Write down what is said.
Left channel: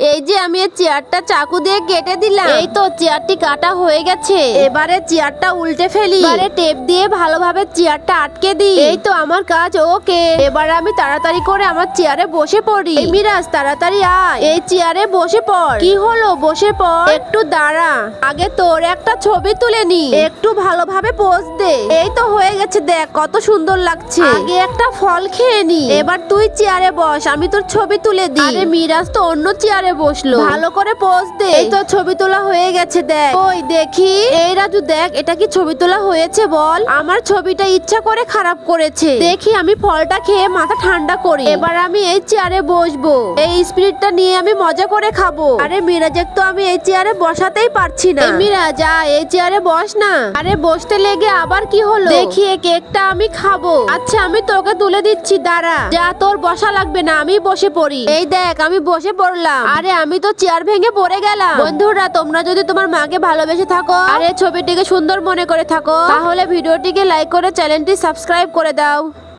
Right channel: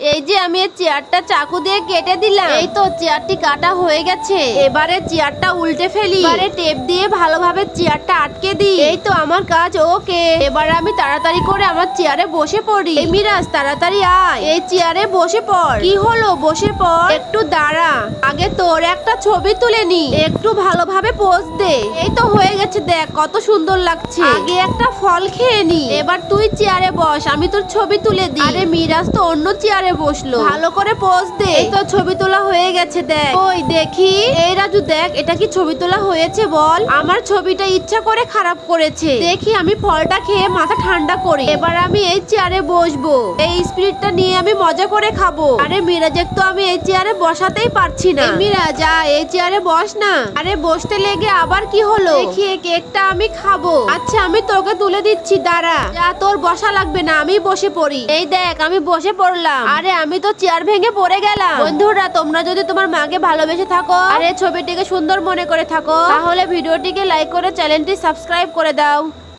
এই যে আমি এই চেয়ারটা চাকু দিয়ে কেটে দিলাম। এই তো চেয়ারটি কাটা হয়ে গেছে। এবারে চেয়ারটা উল্টে ফেলি। এবারে টেপ দিয়ে ভালোভাবে চেয়ারটা আটকে দিই। এই তো আমার কাজ ওকে। এবার আমি তাড়াতাড়ি করে আমার চেয়ারে বসে পড়ি। এই মিরাজ তাড়াতাড়ি আয়, এই চেয়ারে বসে পড়। কি হলো, বসে পড়। একটু দাঁড়া, আগে তোর একটা ছবি তুলে নি। একটু ভালোভাবে পোজ দে। এই তো হয়ে গেছে, দেখ কত সুন্দর লাগছে। আগে একটা ফল খেয়ে নি। এবার তুই চেয়ারে বস, আমি তোর ছবি তুলে দিই। আরে মিরাজ তো অন্য চেয়ারে বসলো, ভালো করে পোজ দে। এই তো ছবি তোলা হয়ে গেছে, দেখ। ওই দেখি, এই রাজু দেখ, এটা কি ছবি তোলা হয়েছে বল? আমার ছবিটা ইচ্ছা করে খারাপ করেছে। দেখি আমি ফলটা খেয়ে মাথা ঠান্ডা করি। এবার আমি এই চেয়ারে বসবো। এই স্পিরিটটা নিয়ে আমি মজা করে খাবো। আরে মিরাজের তো আমি এই চেয়ারে বসাতেই পারছি না। এই মিরাজ এই চেয়ারে বস না। আরে বসতে লেগে আবার কি হলো? দেখি এই কেকটা আমি খাবো। আচ্ছা আমি তোকে তুলে দিচ্ছি, দাঁড়া। যা, তোর বসা লাগবে না, আমি বসে পড়ি। এই দেখ আমি বসে পড়লাম। আরে আমি তো চেয়ার ভেঙে পড়ে গেলাম। বন্ধুরা, তোমরা যদি তোমার মাকে ভালোবেসে থাকো আর এই ছবিটিকে সুন্দর মনে করে থাকো, তাহলে ভিডিওটিকে লাইক করে চ্যানেলটি সাবস্ক্রাইব করে দাও।